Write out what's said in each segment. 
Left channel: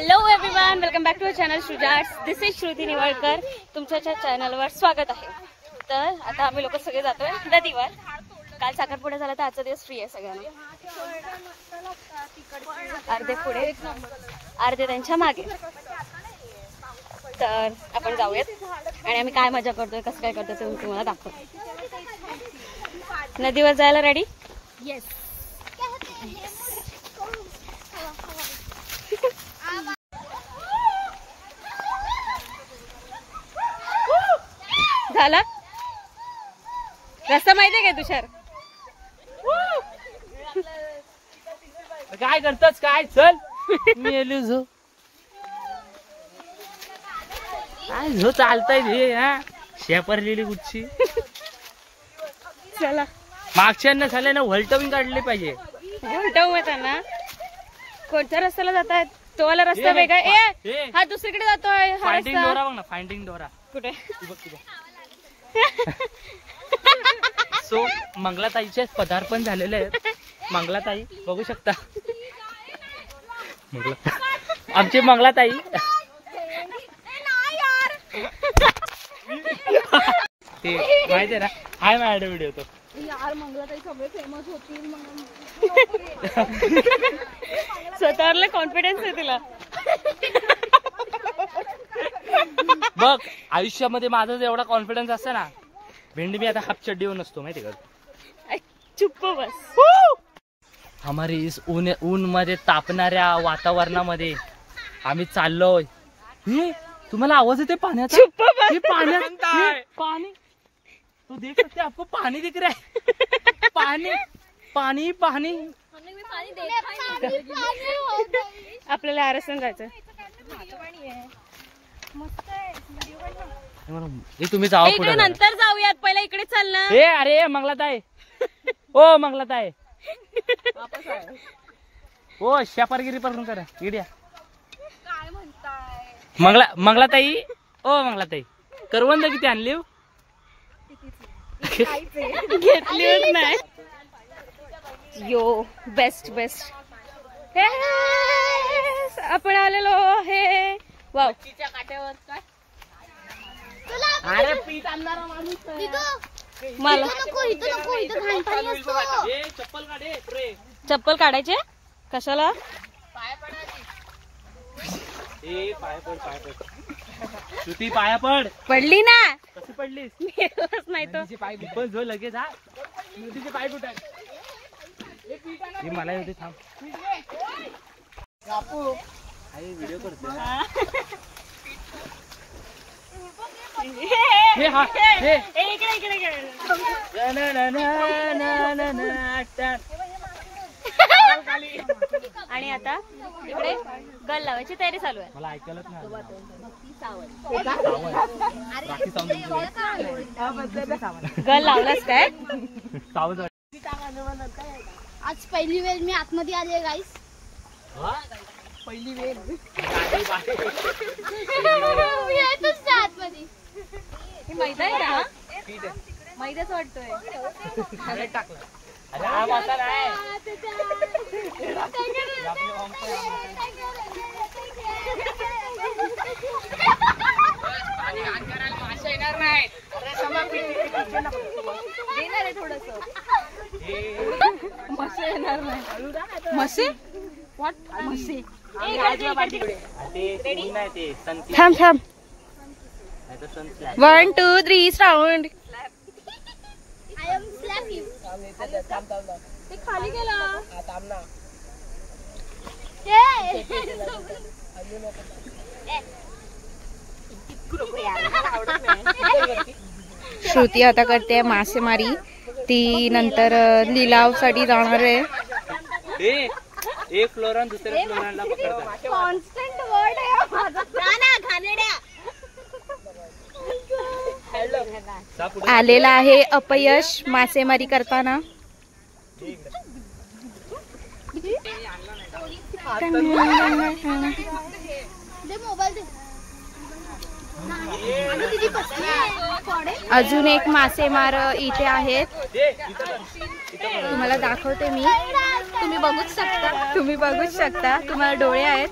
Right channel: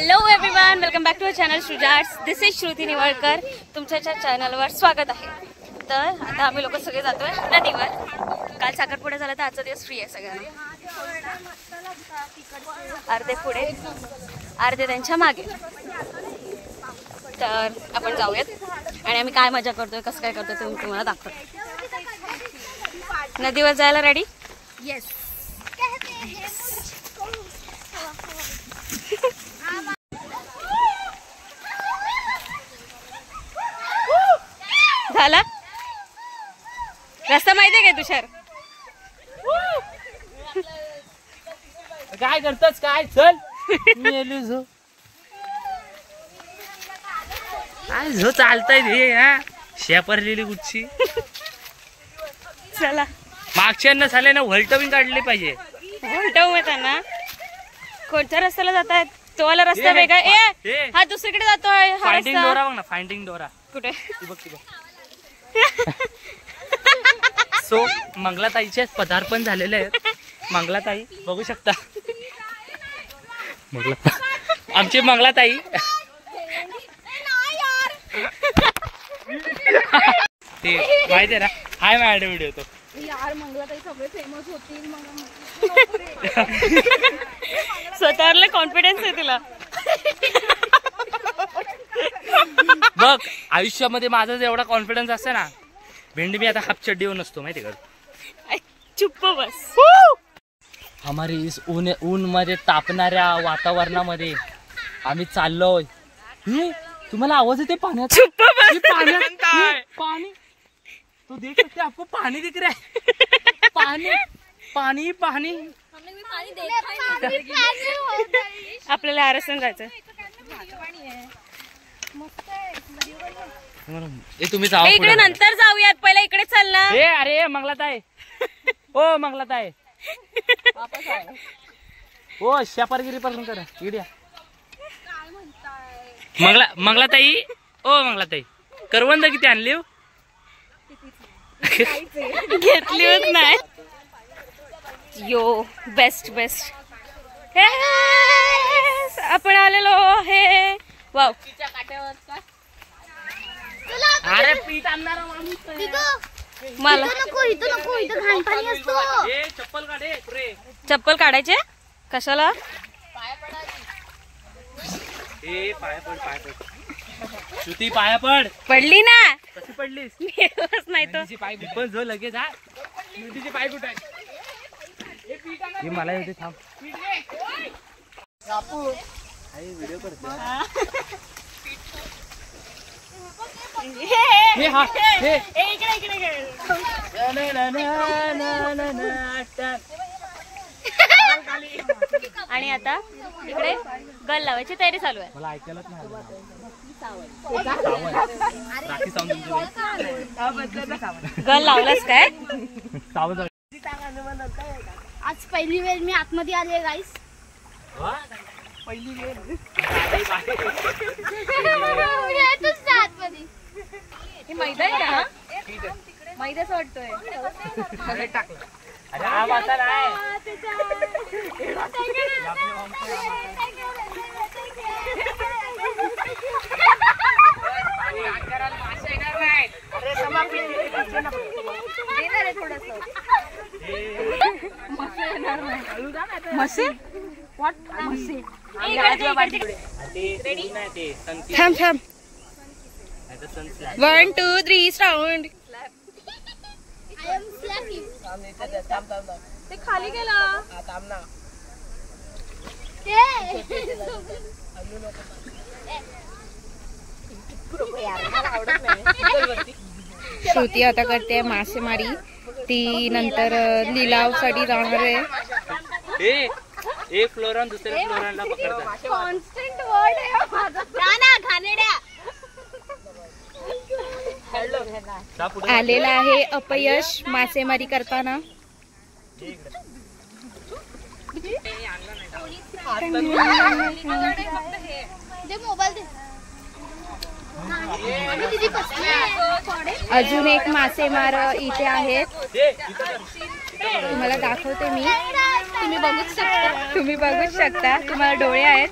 Hello everyone, welcome back to our channel Shrujarts. This is Shruti Niwalkar. तुमच्या चॅनलवर स्वागत आहे. तर आता आम्ही लोक सगळे जातोय नदीवर. काल साखरपुडा झाला तर आजचा दिवस फ्री आहे सगळ्यांना. अर्धे पुढे अर्धे त्यांच्या मागे. तर आपण जाऊयात आणि आम्ही काय मजा करतोय, कसं काय करतोय ते तुम्हाला दाखवतो. नदीवर जायला रेडी? येस. झाला रस्ता माहितीये का तुषार? काय करतस काय? चल मी झो काय झो चालताय हे हा शेपरलेली कुठची. चला मागच्या झाले ना व्हलटविंग काढली पाहिजे. व्हलटव मग त्यांना कोणत्या रस्त्याला जातायत? तो वाला रस्ता वेगळा. ए हा दुसरीकडे जातोय. हा फाइंडिंग रस्ता डोरा बघ ना, फाइंडिंग डोरा कुठे? बघ तिथे. सो मंगलाताईचे पदार्पण झालेले आहेत. मंगलाताई बघू शकता. आमची मंगलाताई ते माहिती आहे ना. हाय मॅड व्हिडिओ तो यार मंगलाताई सगळे फेमस होतील. स्वतःवरला कॉन्फिडन्स आहे तिला. बघ आयुष्यामध्ये माझा एवढा कॉन्फिडन्स असते ना, भेंडी मी आता हाफ चड्डीवर नसतो माहिती का. चुप्प बस. हमारी इस ऊन मध्ये तापणाऱ्या वातावरणामध्ये आम्ही चाललोय. हे तुम्हाला आवाज येते पाण्याचा? चुप्प बस. पाणी तो देख सकते आपको पानी दिख रहा है. पानी पानी पानी आपल्याला आरसन जायचं. तुम्ही जाऊ इकडे नंतर जाऊयात, पहिला इकडे चल ना. अरे मंगलाताई, ओ मंगलाताई, ओ शेपारगिरी पासून करा इड्या. मंगलाताई, ओ मंगलाताई, करवंद किती आणली? घेतलीच नाही. यो बेस्ट बेस्ट. आपण आलेलो आहे. वाव. अरे पीठ आणणारा माणूस मला चप्पल काढे. चप्पल काढायचे कशाला? पाया पड. श्रुती पाया पड. पडली ना. कशी पडलीस? नाही तो पाय पण जो लगेच आहे. नदीचे पाय कुठे आहे? मला येते थांब. व्हिडिओ करते. आणि आता इकडे गल लावायची तयारी चालू आहे. मला ऐकायलाच नाही. गल लावलास काय? आज पहिली वेळ मी आतमध्ये आली गाईस. पहिली वेळ आतमध्ये. मैदा आहे का? मैद्याच वाटतोय. अरे हा माता नाही. थांब थांब. 1 2 3 राऊंड. ते खाली गेला. श्रुती आता करते मासेमारी. ती नंतर लिलावसाठी जाणार आहे. एक फ्लोर दुसऱ्या फ्लोरला पकडतात. कॉन्स्टंट वर्ड आहे माझा. घाणेड्या. आलेला आहे अपयश मासेमारी करताना. अजून एक मासेमार इथे आहेत. तुम्हाला दाखवते मी. तुम्ही बघूच शकता. तुम्हाला डोळे आहेत.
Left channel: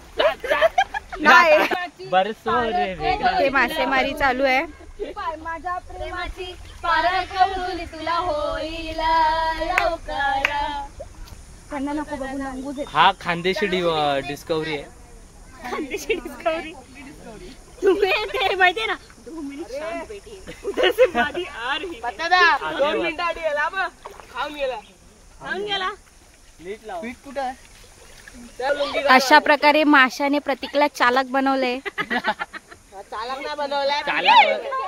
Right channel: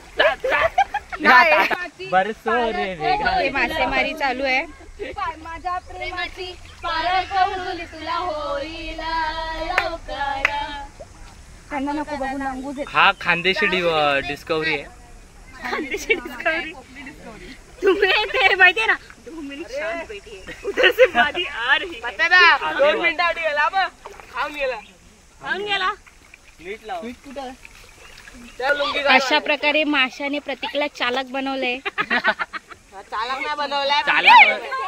बरसो रे वेगा. ते मासेमारी चालू आहे. माझ्या प्रेमाची पारळ कौल तुला होईल लवकर. त्यांना नको बघून अंगू देत. हा खानदेशी डिस्कवरी आहे. खानदेशी डिस्कवरी तुम्ही ते माहितीये ना. 2 मिनिट शांत बैठिए उधर से मादी आ रही. 2 मिनिटात खाऊन गेला. मीठ लाव. अशा प्रकारे माशाने प्रतीकला चालक बनवलंय.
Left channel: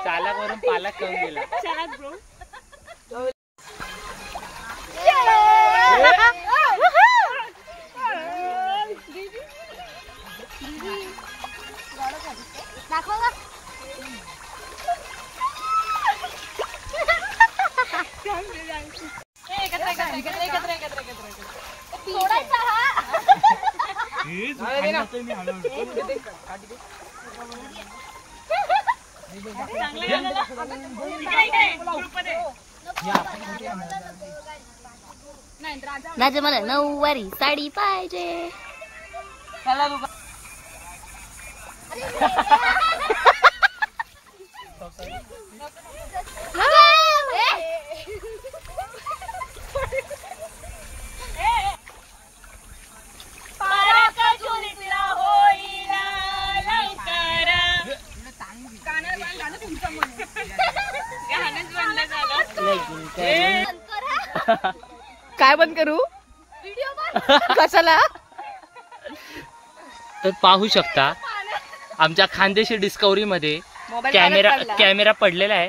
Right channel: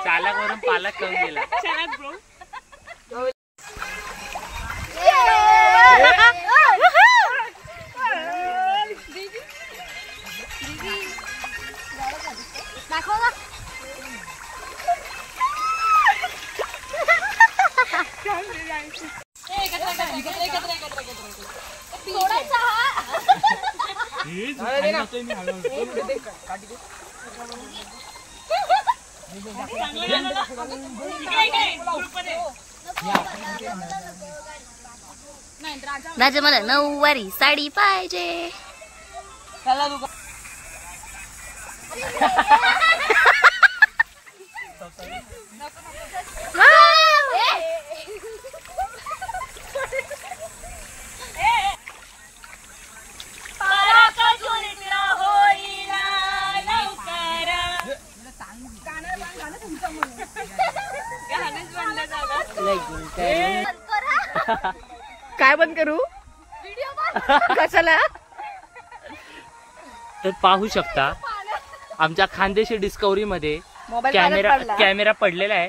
चालक वरून पालक खाऊन गेला. चालक ब्रो. राजा मला 9वारी साडी पाहिजे. काय बंद करू कशाला. तर पाहू शकता आमच्या खानदेशी डिस्कवरी मध्ये मोबाईल कॅमेरा पडलेला आहे.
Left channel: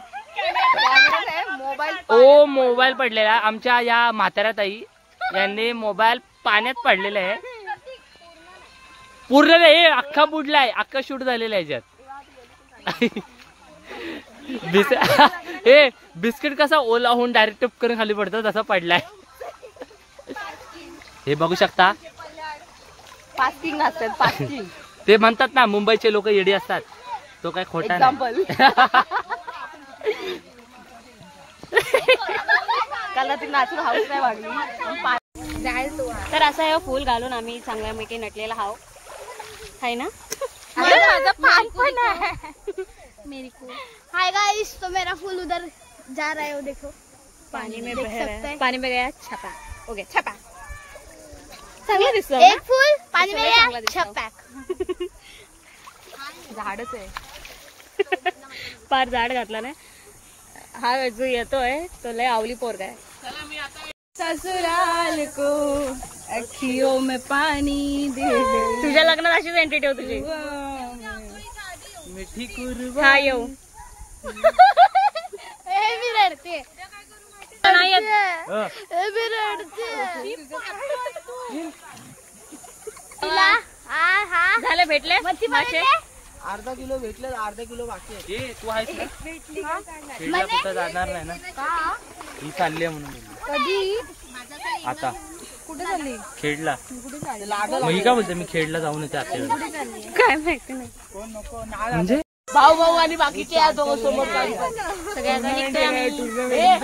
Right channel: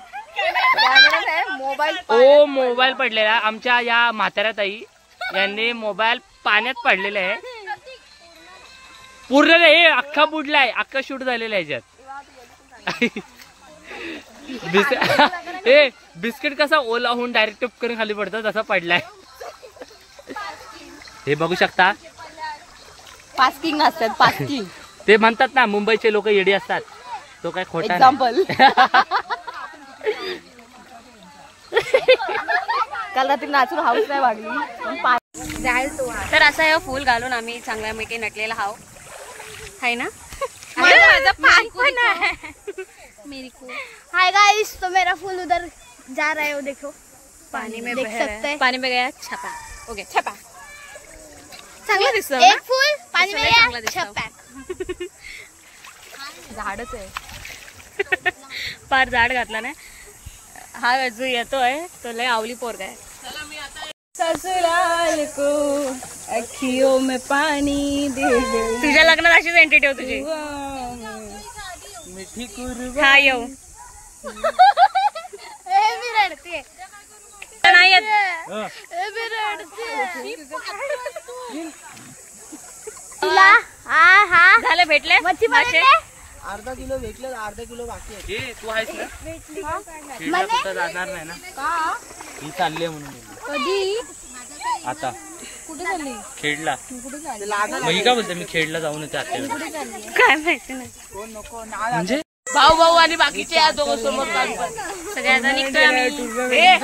मोबाईल पडलेला आहे. आमच्या या म्हाताऱ्या ताई यांनी मोबाईल पाण्यात पडलेला आहे. पूर्ण हे अख्खा बुडला आहे. अख्खा शूट झालेला आहे याच्यात. बिस्किट कसा ओला होऊन डायरेक्ट टप करून खाली पडतो तसा पडलाय. हे बघू शकता. पास्किंग नसतात पास्किंग. ते म्हणतात ना मुंबईचे लोक येडी असतात. तो काय खोटा नाही. काल रात्री नाचून हाऊस नाही वागली. तर असं हे फुल घालून आम्ही चांगल्यापैकी नटलेला हाव आहे ना. माझं पान पण आहे. मेरी को हाय गाइस, तो मेरा फूल उधर जा रहा है, वो देखो पानी में देख बह रहा सकते है. हैं। पानी में गया छपा. ओके छपा. चांगलं दिसतं एक फूल पानी में इसमें गया, चांगला दिसता. छप्पा. झाडच आहे. पार झाड घातला ना. हा जो येतोय तो लय आवली पोरगा आहे. ससुराल को अखियों में पानी दे दे. तुझ्या लग्नात अशीच एंट्री ठेव तुझी. मिठी कुरवा. हा येऊ. ए भी रडते, नाही येत. ए भी रडते. तुला हा हा झाले भेटले मासे. अर्धा किलो भेटले, अर्धा किलो बाकी आहे. तू आहेस ना खेडला कुठं जाणार नाही ना. ही चालली आहे म्हणून बोलली. कधी आता कुठे चालली. खेडला. मग ही का बोलते मी खेडला जाऊन येते आता. काय माहिती नाही. म्हणजे भाऊ भाऊ आणि बाकीचे या दोघं समोर सगळ्याचा निघतोय आम्ही. ए,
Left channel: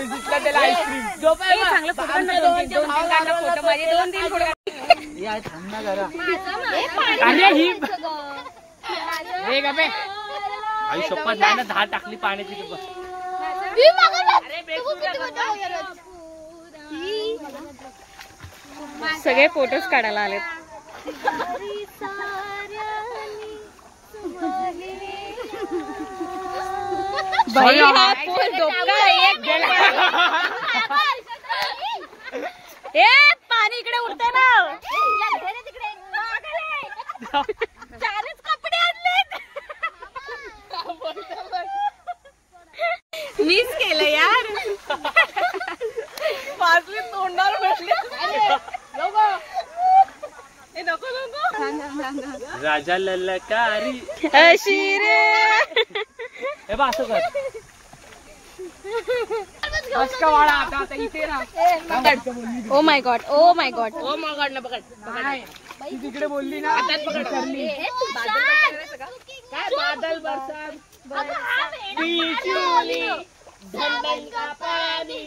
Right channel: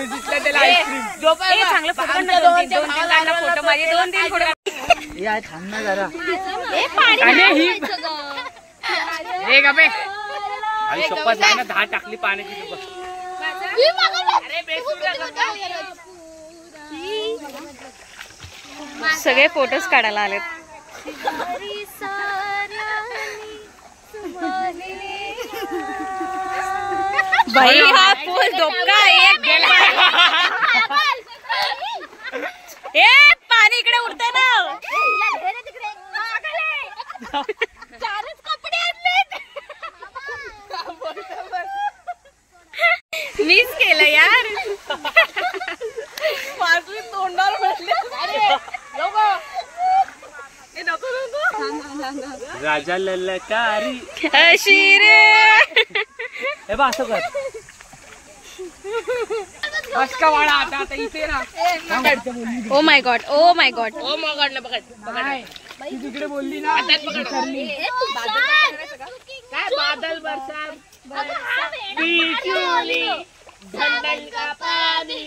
चांगलं फोटो काढ ना. 2-3 काढ ना फोटो. माझे 2-3 फोटो. थांब ना जरा. हे गा बे. आई शपथ नाही ना 10 टाकली पाण्याची. तू बघ. मी मागवलं. तू किती मोठा हो यार. सगळे फोटोज काढायला आलेत. बाई हा पूल डोका एक गेला. ए पाणी इकडे उडतंय ना. चारच कपडे आणलेत. मिस केलं यार. तोंडावर बसले. राजा ललकारी अशी रे. हे बा असं कर. का वाडा आता आता इथे ना. Oh my God. Oh my God. ओ मग काढलं बघ. ती तिकडे बोलली ना विसरली. काय बादल बरसात बिचुली धंधन का पाणी.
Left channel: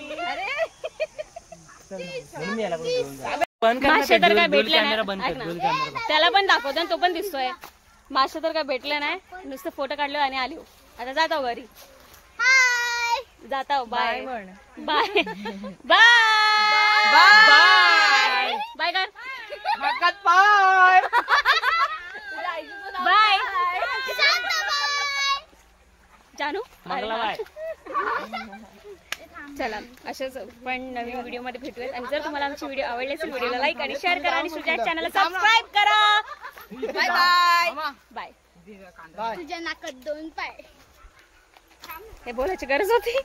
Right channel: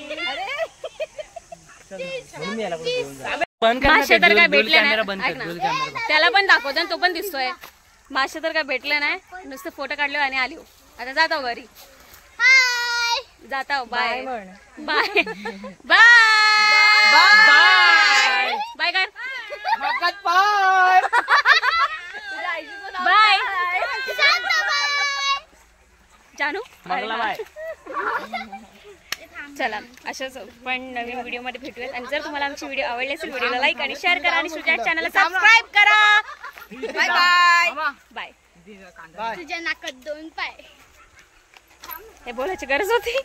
म्हणून मी याला कुठे घेऊन जा. बंद कर ना मासे ते. तर काय डोल भेटले कॅमेरा नाही. बंद ऐक कर. ना. डोल कॅमेरा बंद. त्याला पण दाखवतो आणि तो पण दिसतोय. मासे तर काय भेटले नाही, नुसतं फोटो काढले आणि आलो. आता जातो घरी. हाय जाता bye bye bye bye bye कर भगत पाय बाय जानू. अरे हा. चला अशाच पण नवीन व्हिडिओ मध्ये भेटूयात. आणि जर तुम्हाला आमची व्हिडिओ आवडली असेल व्हिडिओला लाईक आणि शेअर करा आणि सुजाट चॅनलला सबस्क्राईब करा. Bye bye bye. तुझ्या नाकात 2 पाय. हे बोलायची गरज होती.